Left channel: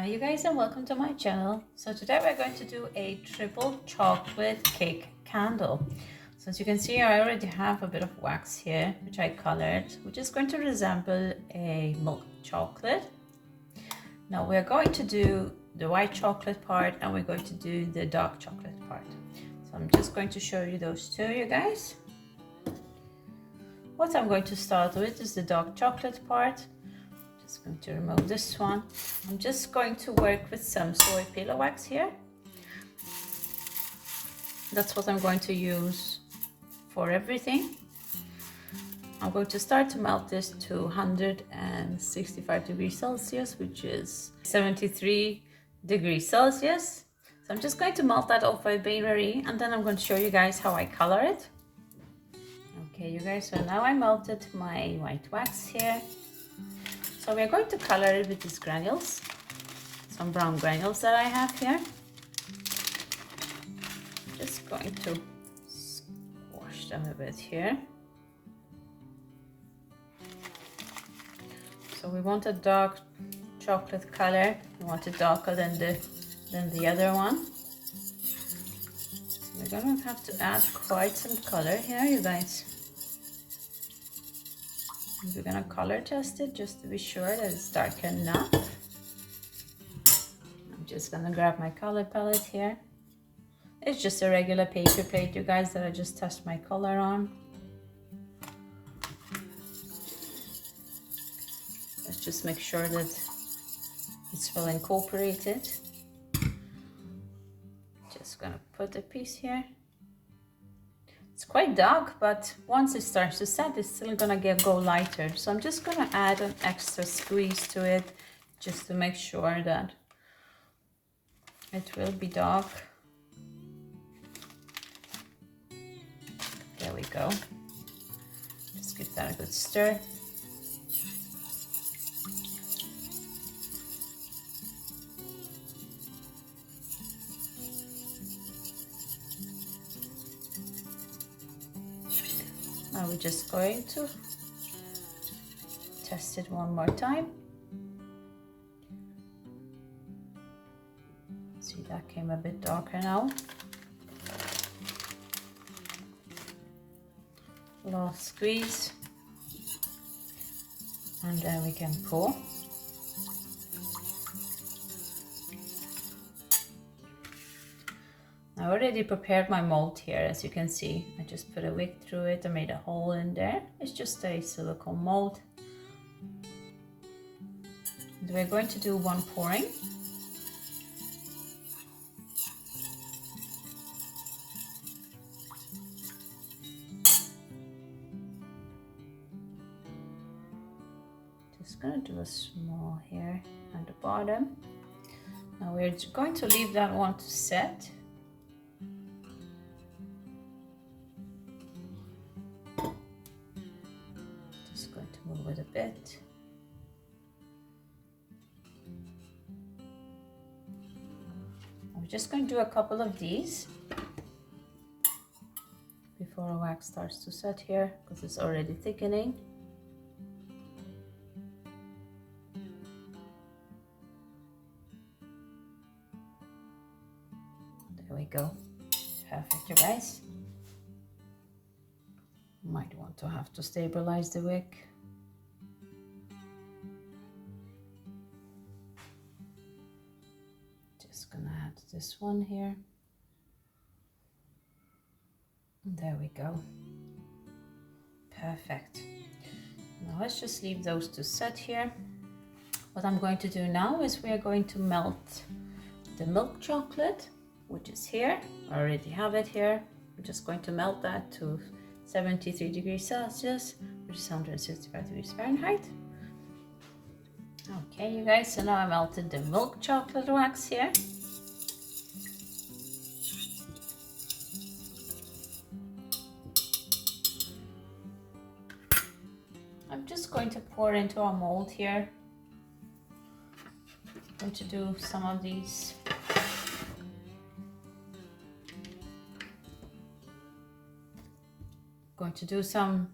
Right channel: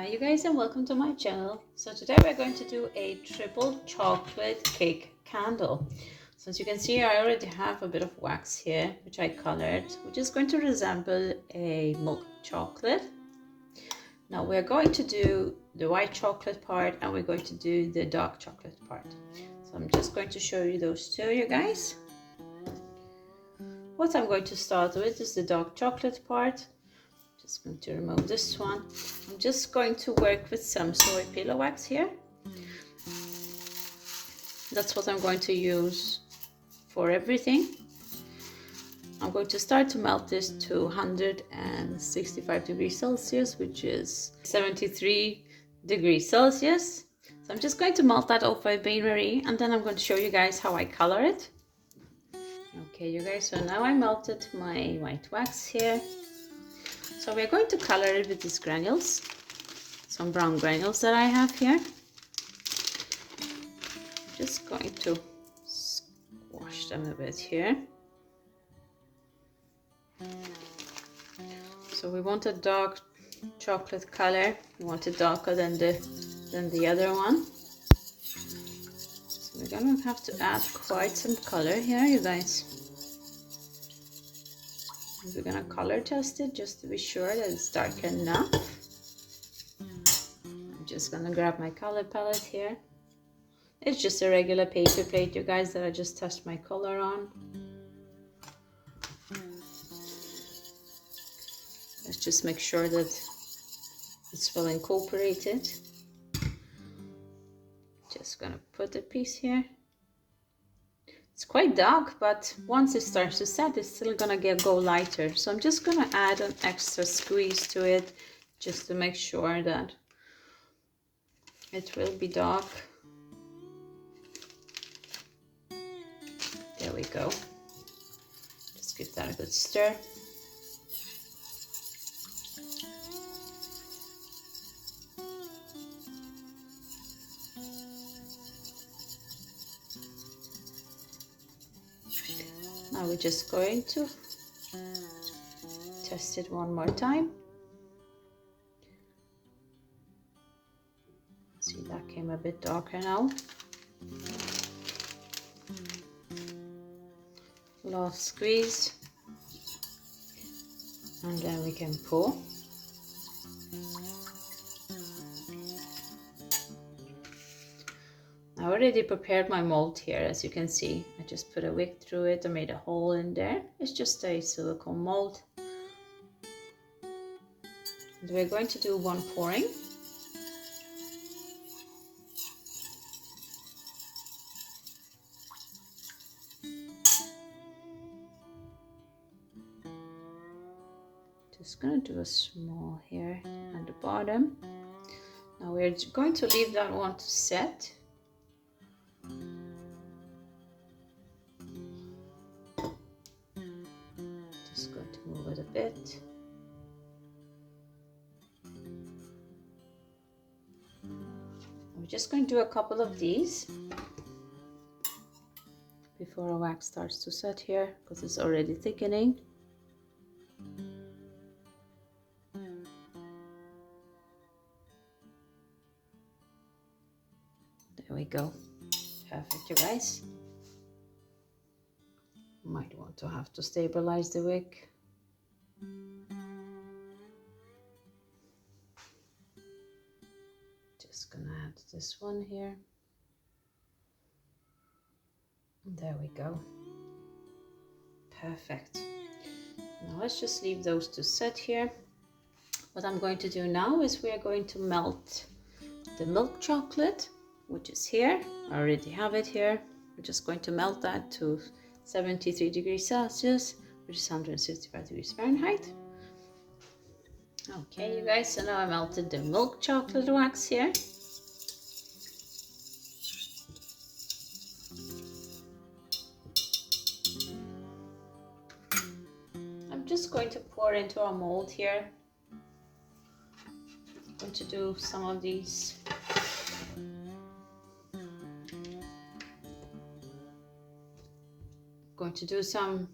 Hi you guys and welcome to my channel. So today we're going to do a triple chocolate cake candle. So as you can see, I already have a bit of wax here which I colored, which is going to resemble a milk chocolate. Now we're going to do the white chocolate part and we're going to do the dark chocolate part. So I'm just going to show you those two, you guys. What I'm going to start with is the dark chocolate part. Just going to remove this one. I'm just going to work with some soy pillow wax here. That's what I'm going to use for everything. I'm going to start to melt this to 165 degrees Celsius, which is 73 degrees Celsius. So I'm just going to melt that off by Bain-Marie, and then I'm going to show you guys how I color it. Okay, you guys, so now I melted my white wax here. So we're going to color it with these granules, some brown granules that I have here. Just going to squash them a bit here. So we want a dark chocolate color. We want it darker than the other one. So we're gonna have to add quite some color here, you guys. We're gonna color test it just to be sure that it's dark enough. I'm just gonna grab my color palette here. It's just a regular paper plate, you guys, that I just test my color on. Let's just make sure that it's well incorporated. Just gonna put a piece here. It's quite dark, but once it starts to set, it's still gonna go lighter. So I'm just gonna add an extra squeeze to it just to make sure that it will be dark. There we go. Just give that a good stir. Now we're just going to test it one more time. See, that came a bit darker now. Last squeeze, and then we can pour. I already prepared my mold here, as you can see. I just put a wick through it and made a hole in there. It's just a silicone mold. And we're going to do one pouring. Just gonna do a small here at the bottom. Now we're going to leave that one to set. Just going to move it a bit. I'm just going to do a couple of these before our wax starts to set here, because it's already thickening. There we go. Perfect, you guys. Might want to have to stabilize the wick. Just gonna add this one here. And there we go. Perfect. Now let's just leave those to set here. What I'm going to do now is we are going to melt the milk chocolate, which is here. I already have it here. We're just going to melt that to 73 degrees Celsius, which is 165 degrees Fahrenheit. Okay, you guys, so now I melted the milk chocolate wax here. I'm just going to pour into our mold here. I'm going to do some of these. Going to do some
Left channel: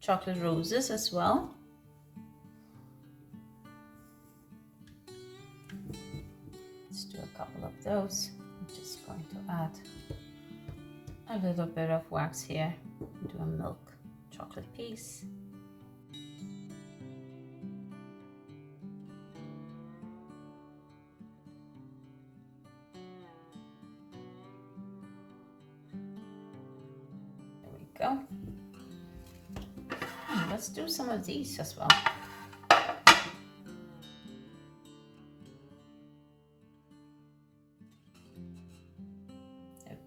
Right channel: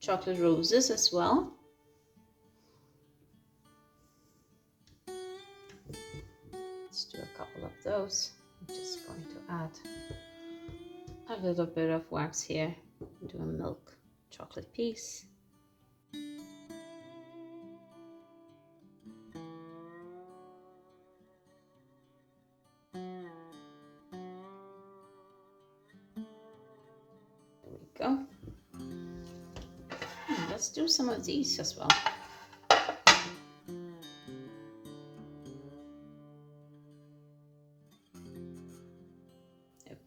chocolate roses as well. Let's do a couple of those. I'm just going to add a little bit of wax here. Do a milk chocolate piece. There we go. And let's do some of these as well.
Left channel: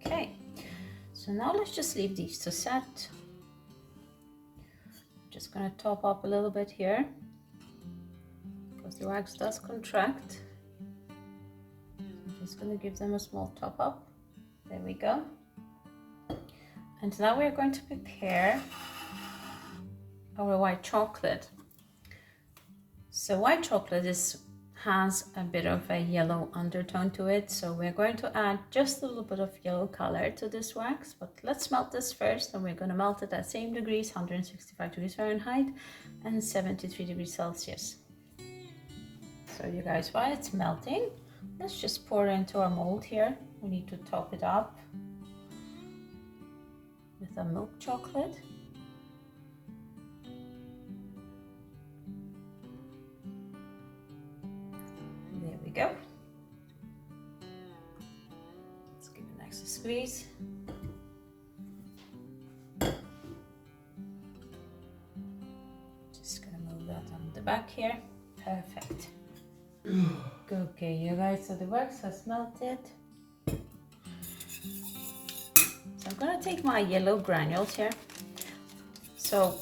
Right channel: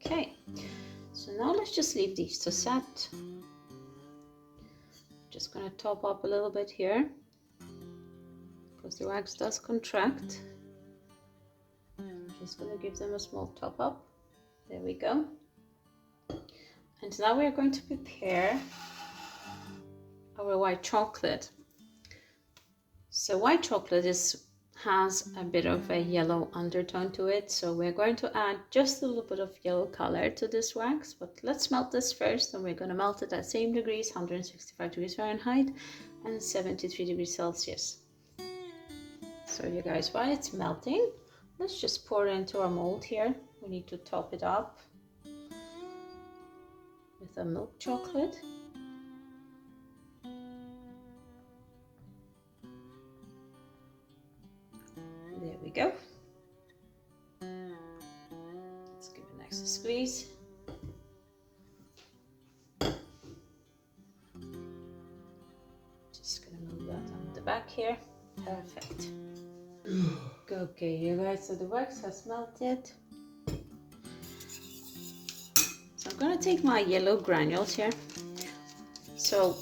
Okay, so now let's just leave these to set. Just gonna top up a little bit here because the wax does contract. I'm just gonna give them a small top up. There we go. And now we're going to prepare our white chocolate. So white chocolate has a bit of a yellow undertone to it, so we're going to add just a little bit of yellow color to this wax. But let's melt this first, and we're going to melt it at same degrees, 165 degrees Fahrenheit and 73 degrees Celsius. So you guys, while it's melting, let's just pour it into our mold here. We need to top it up with a milk chocolate. There we go. Let's give it an extra squeeze. Just gonna move that on the back here. Perfect. Okay, you guys, so the wax has melted. So I'm gonna take my yellow granules here. So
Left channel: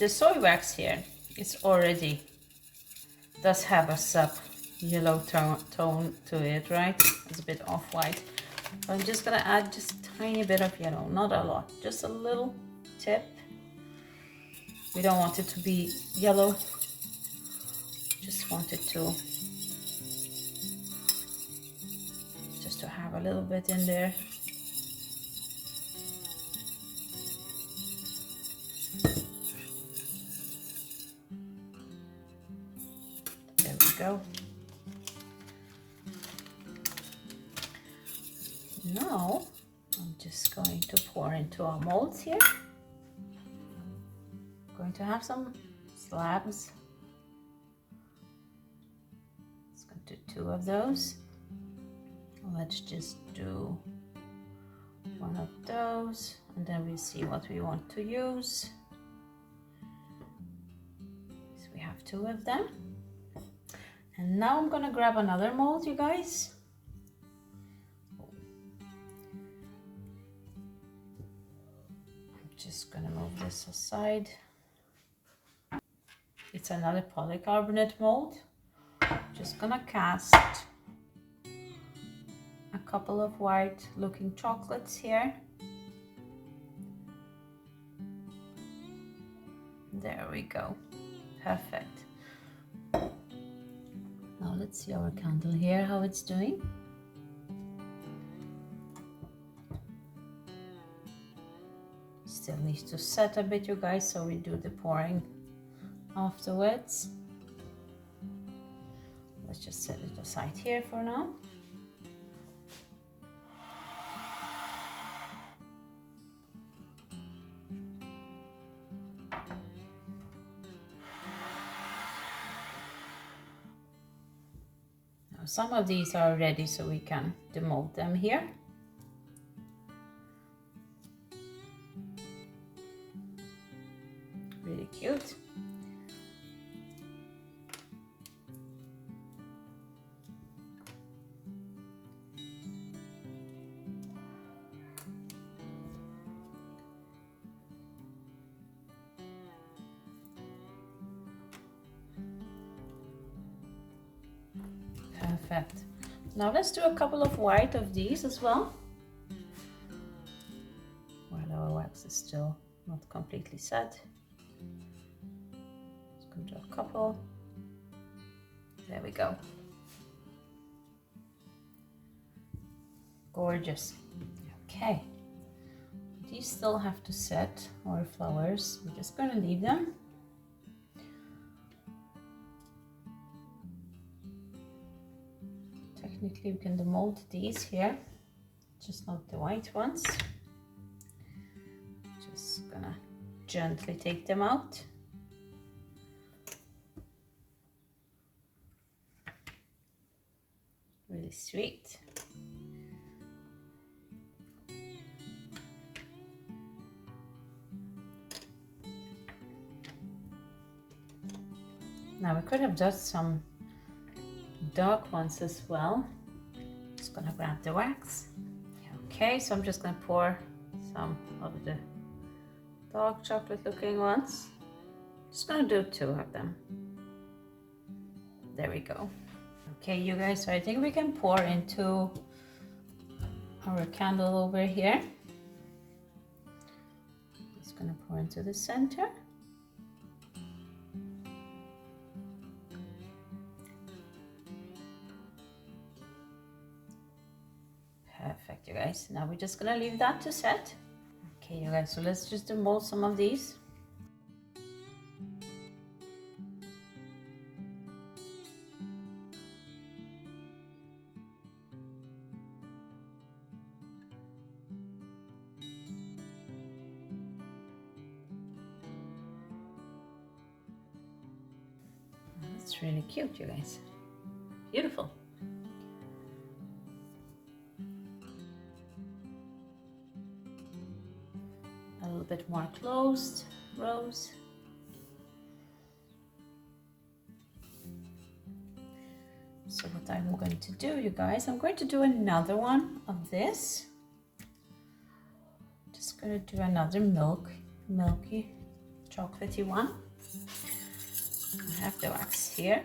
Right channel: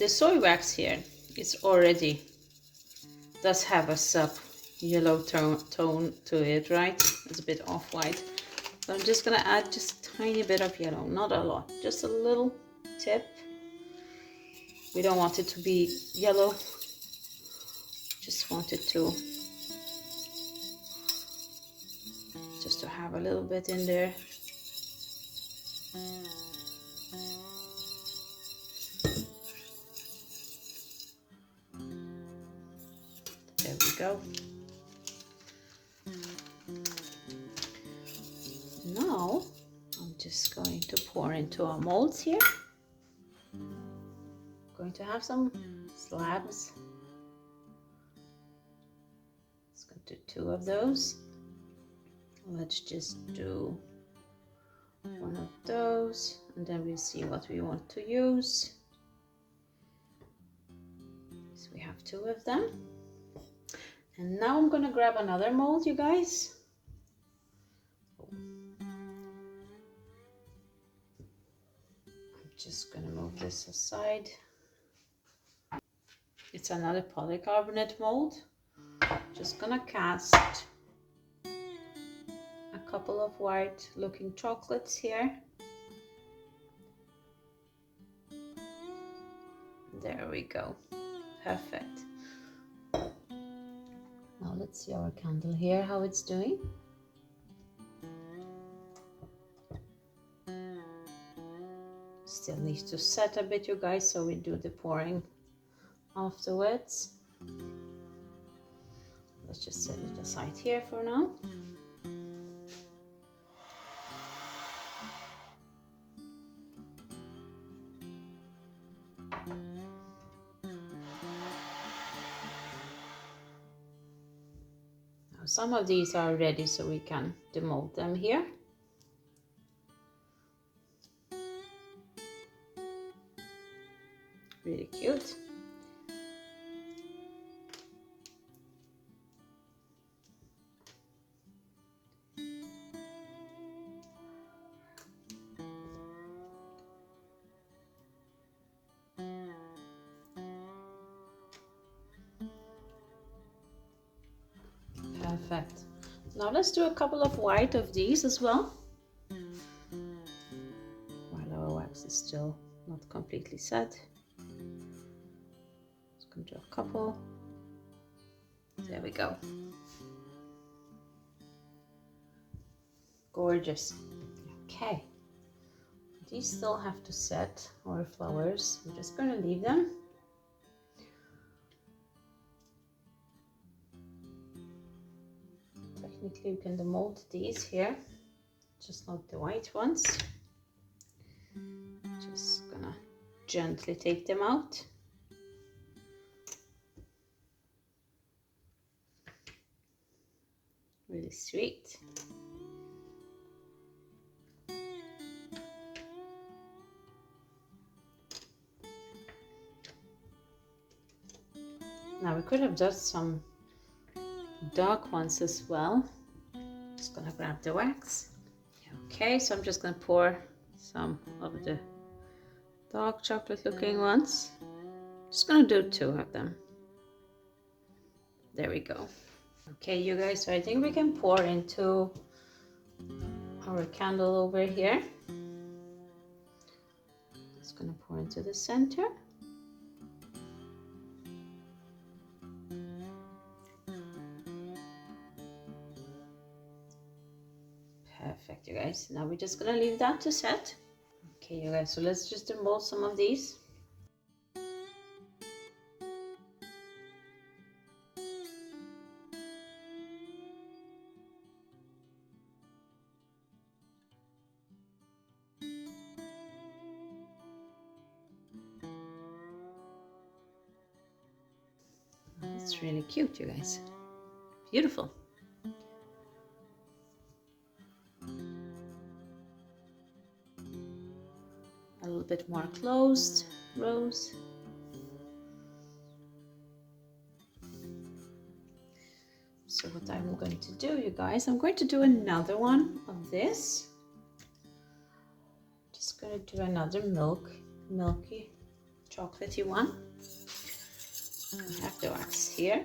the soy wax here is already does have a sub yellow tone to it, right? It's a bit off-white. So I'm just gonna add just a tiny bit of yellow, not a lot, just a little tip. We don't want it to be yellow, just want it to have a little bit in there. There we go. Now I'm just going to pour into our molds here. Going to have some slabs. Let's go to 2 of those. Let's just do 1 of those, and then we'll see what we want to use. So we have 2 of them. And now I'm gonna grab another mold, you guys. I'm just gonna move this aside. It's another polycarbonate mold. Just gonna cast a couple of white looking chocolates here. There we go. Perfect. Now let's see our candle here, how it's doing. Still needs to set a bit, you guys, so we do the pouring afterwards. Let's just set it aside here for now. Now some of these are ready, so we can demold them here. Really cute. Perfect. Now let's do a couple of white of these as well. While our wax is still not completely set. Let's go to a couple. There we go. Gorgeous. Okay. These still have to set, our flowers. We're just going to leave them. technically we can demold these here, just not the white ones. Just gonna gently take them out. Really sweet. Now we could have done some dark ones as well. Just gonna grab the wax. Okay, so I'm just gonna pour some of the dark chocolate looking ones. Just gonna do 2 of them. There we go. Okay, you guys, so I think we can pour into our candle over here. Just gonna pour into the center. Perfect, you guys. Now we're just gonna leave that to set. Okay, you guys, so let's just demold some of these. It's really cute, you guys. Beautiful. A little bit more closed rows. So what I'm going to do, you guys, I'm going to do another one of this. Just going to do another milky, chocolatey one. I have the wax here.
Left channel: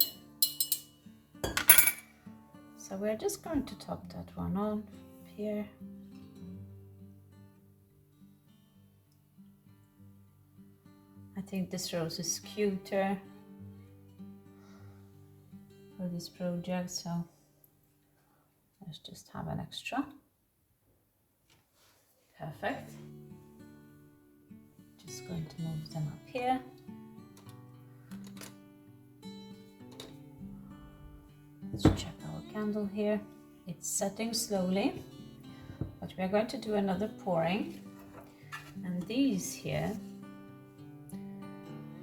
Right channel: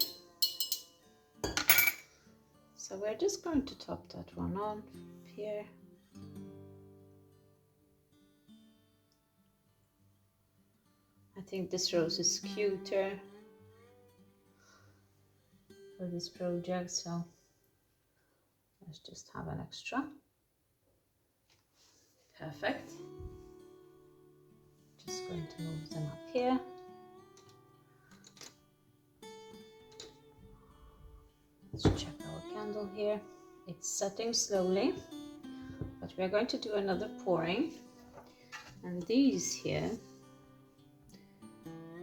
So we're just going to top that one on here. I think this rose is cuter for this project, so let's just have an extra. Perfect. Just going to move them up here. Let's check our candle here. It's setting slowly, but we're going to do another pouring. And these here,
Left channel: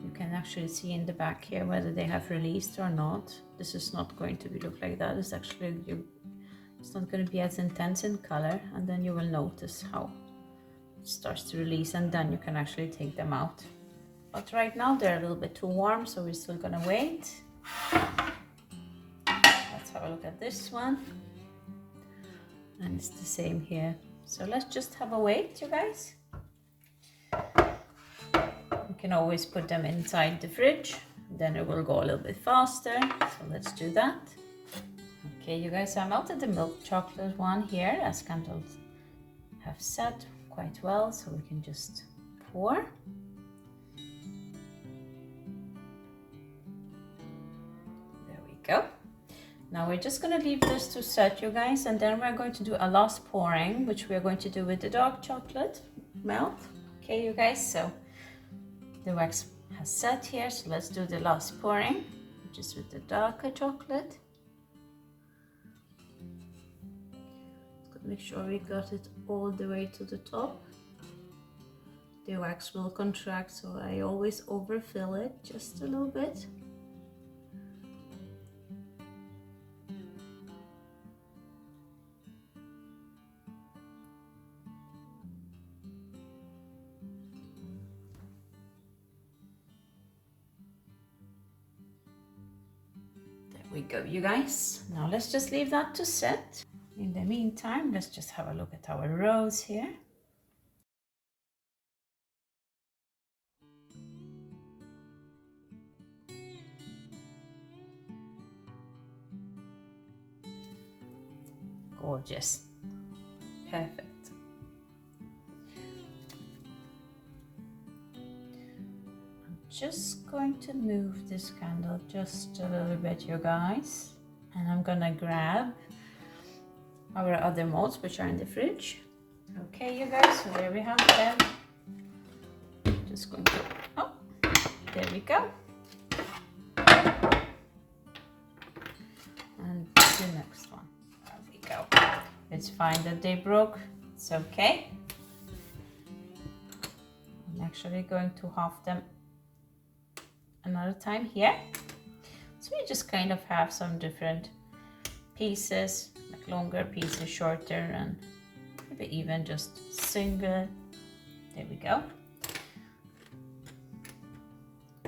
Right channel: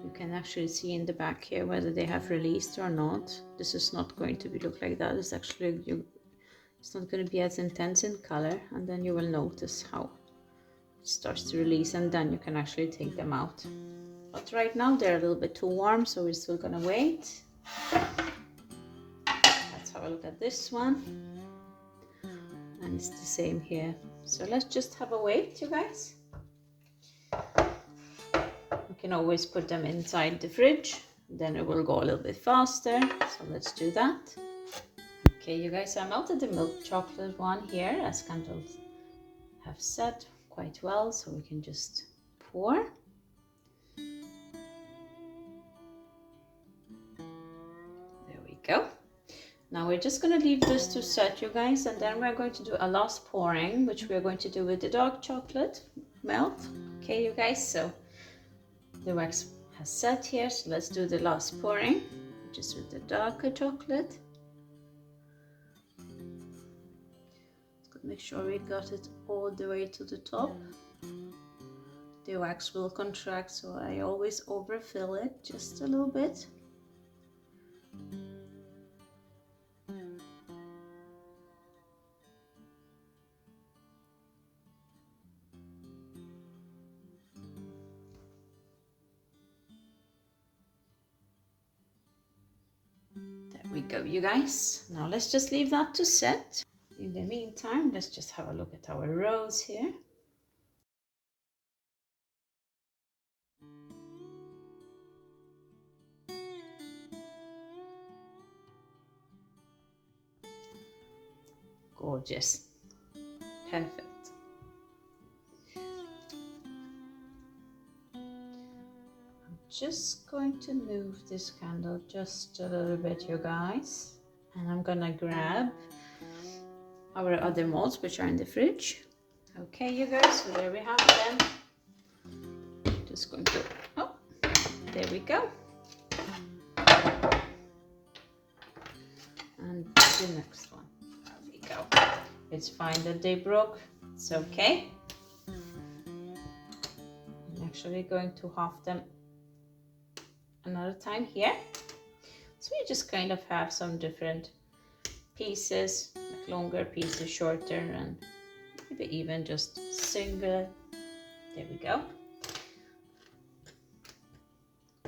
you can actually see in the back here whether they have released or not. This is not going to be look like that. It's actually, it's not going to be as intense in color, and then you will notice how it starts to release, and then you can actually take them out. But right now they're a little bit too warm, so we're still gonna wait. Let's have a look at this one. And it's the same here. So let's just have a wait, you guys. You can always put them inside the fridge, then it will go a little bit faster. So let's do that. Okay, you guys, I melted the milk chocolate one here, as candles have set quite well, so we can just pour. There we go. Now we're just going to leave this to set, you guys, and then we're going to do a last pouring, which we're going to do with the dark chocolate melt. Okay, you guys, so the wax has set here, so let's do the last pouring, which is with the darker chocolate. Make sure we got it all the way to the top. The wax will contract, so I always overfill it just a little bit. There we go, you guys. Now let's just leave that to set. In the meantime, let's just have a look at our rose here. Gorgeous. Perfect. I'm just going to move this candle just a little bit, you guys. And I'm gonna grab our other molds, which are in the fridge. Okay, you guys, so there we have them. Just going to, oh, there we go. And the next one. It's fine that they broke, it's okay. I'm actually going to half them another time here. So we just kind of have some different pieces, like longer pieces, shorter, and maybe even just single. There we go.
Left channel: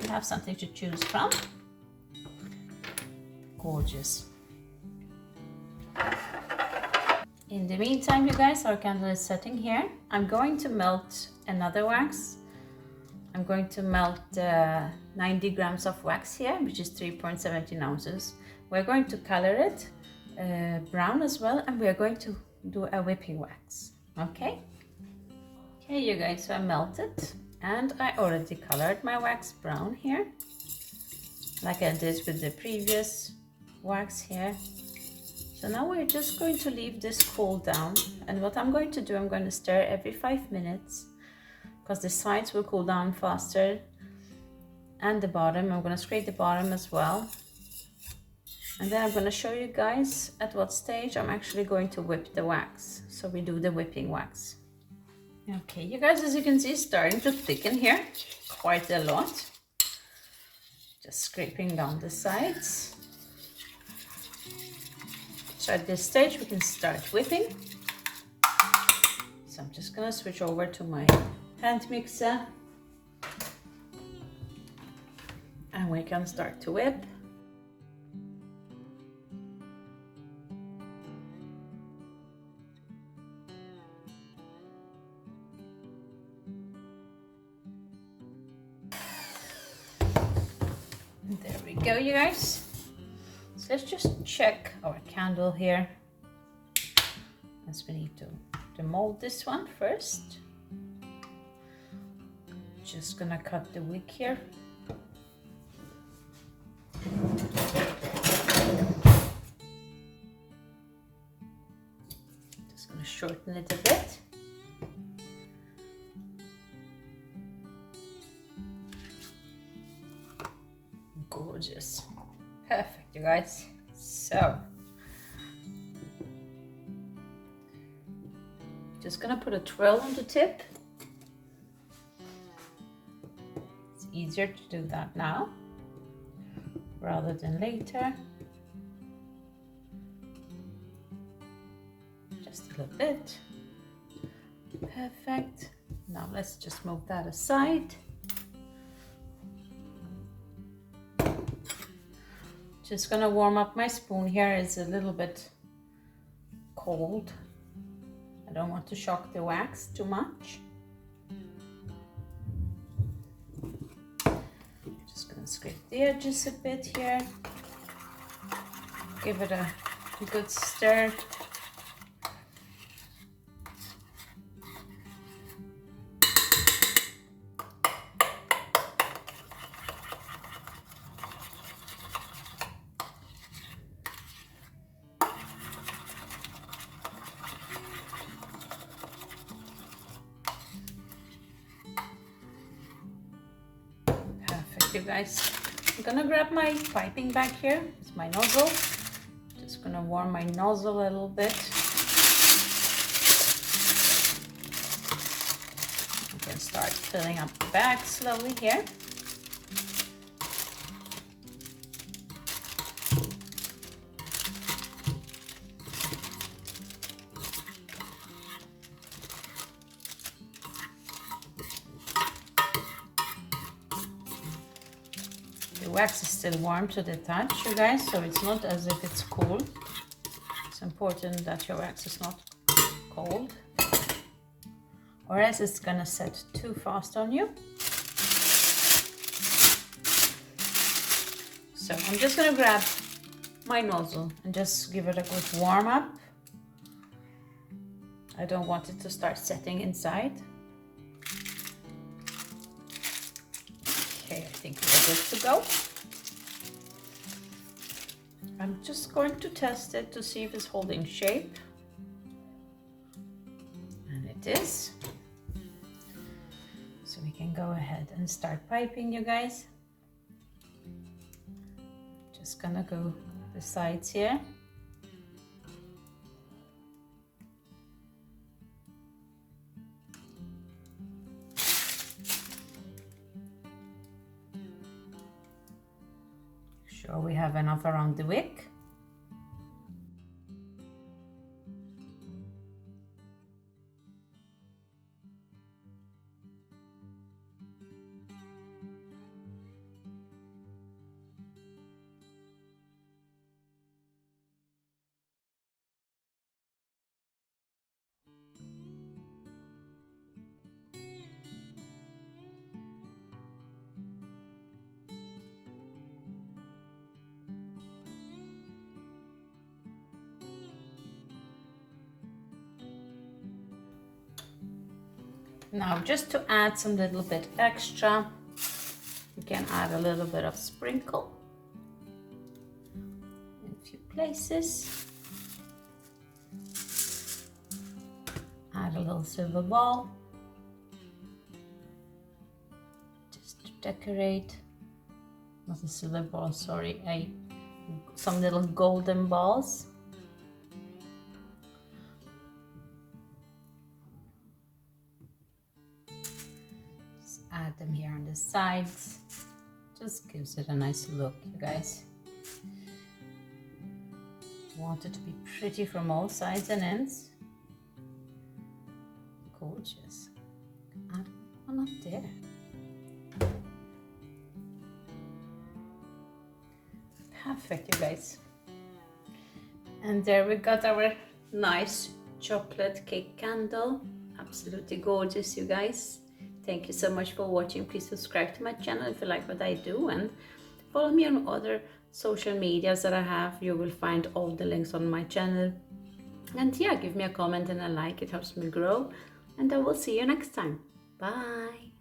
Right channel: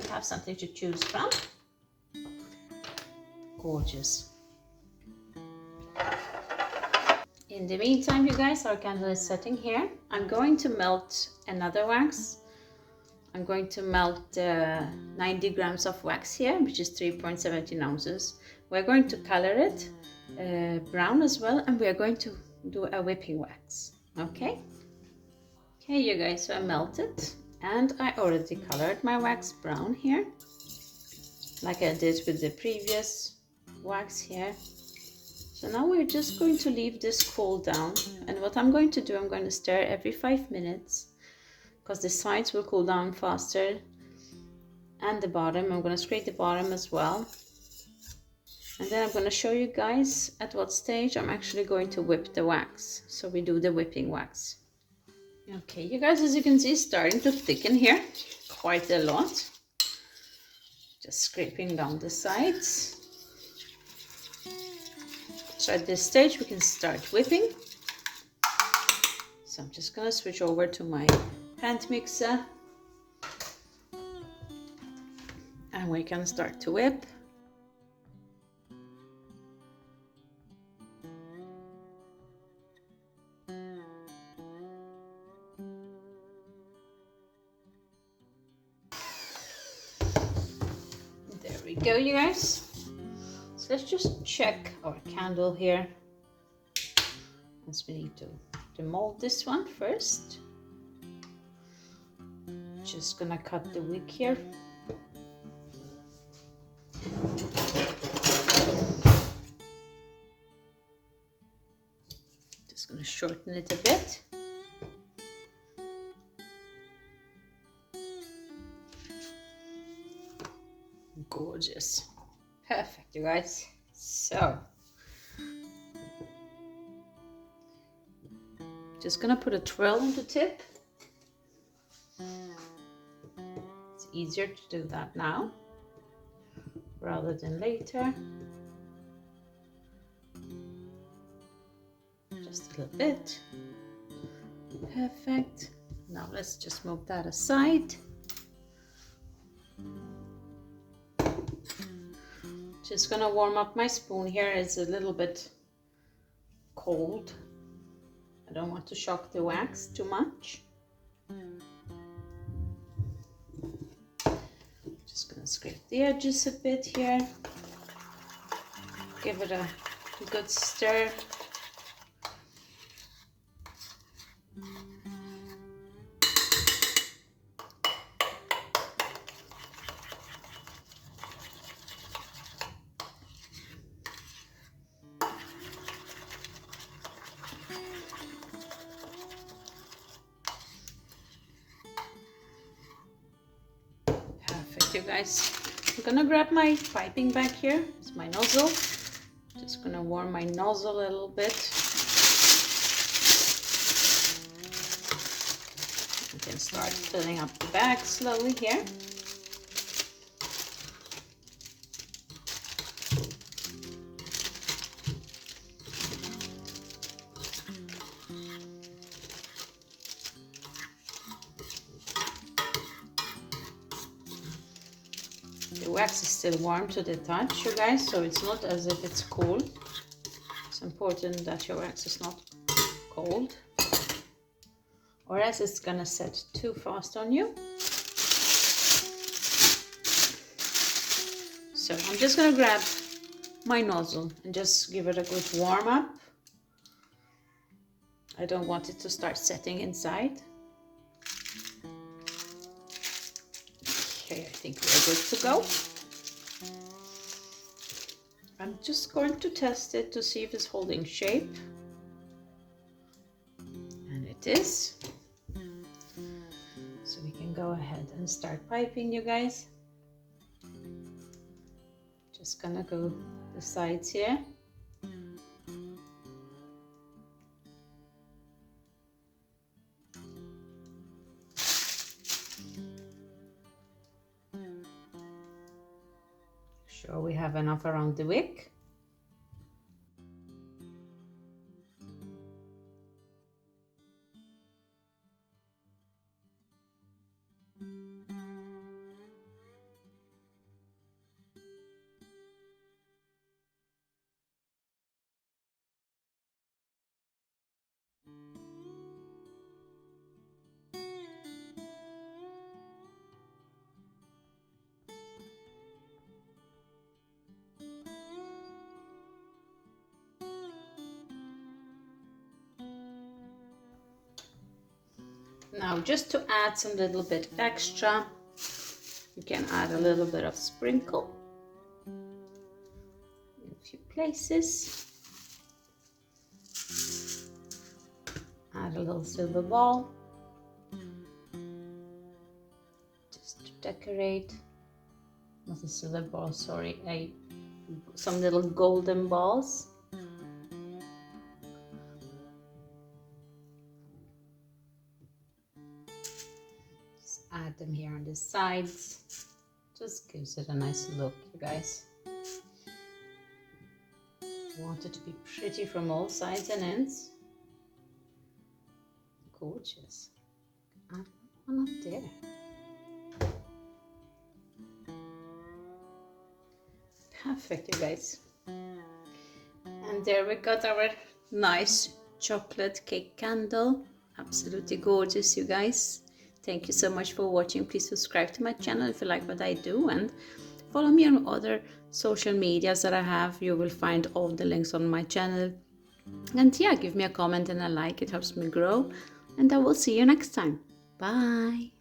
You have something to choose from. Gorgeous. In the meantime, you guys, our candle is setting here. I'm going to melt another wax. I'm going to melt 90 grams of wax here, which is 3.17 ounces. We're going to color it brown as well, and we are going to do a whipping wax. Okay? Okay, you guys, so I melted, and I already colored my wax brown here, like I did with the previous wax here. So now we're just going to leave this cool down, and what I'm going to do, I'm going to stir every 5 minutes, because the sides will cool down faster, and the bottom, I'm going to scrape the bottom as well. And then I'm going to show you guys at what stage I'm actually going to whip the wax. So we do the whipping wax. Okay, you guys, as you can see, it's starting to thicken here quite a lot. Just scraping down the sides. So at this stage we can start whipping. So I'm just going to switch over to my hand mixer, and we can start to whip. There we go, you guys. So let's just check our candle here, as we need to demold this one first. Just gonna cut the wick here. Just gonna shorten it a bit. Gorgeous. Perfect, you guys. So just gonna put a twirl on the tip. It's easier to do that now rather than later. Just a little bit. Perfect. Now let's just move that aside. Just gonna warm up my spoon here. It's a little bit cold. I don't want to shock the wax too much. Just gonna scrape the edges a bit here. Give it a good stir. You guys, I'm gonna grab my piping bag here. It's my nozzle. Just gonna warm my nozzle a little bit. You can start filling up the bag slowly here. The wax is still warm to the touch, you guys, so it's not as if it's cool. It's important that your wax is not cold, or else it's gonna set too fast on you. So I'm just gonna grab my nozzle and just give it a good warm up. I don't want it to start setting inside. Okay, I think we're good to go. I'm just going to test it to see if it's holding shape. And it is. So we can go ahead and start piping, you guys. Just gonna go the sides here. sure we have enough around the wick. Now, just to add some little bit extra, you can add a little bit of sprinkle in a few places. Add a little silver ball just to decorate. Not a silver ball, sorry, some little golden balls. Just add them here on the sides. Just gives it a nice look, you guys. Want it to be pretty from all sides and ends. Gorgeous. Add one up there. Perfect, you guys. And there we got our nice chocolate cake candle. Absolutely gorgeous, you guys. Thank you so much for watching. Please subscribe to my channel if you like what I do, and follow me on other social medias that I have. You will find all the links on my channel. And yeah, give me a comment and a like. It helps me grow. And I will see you next time. Bye.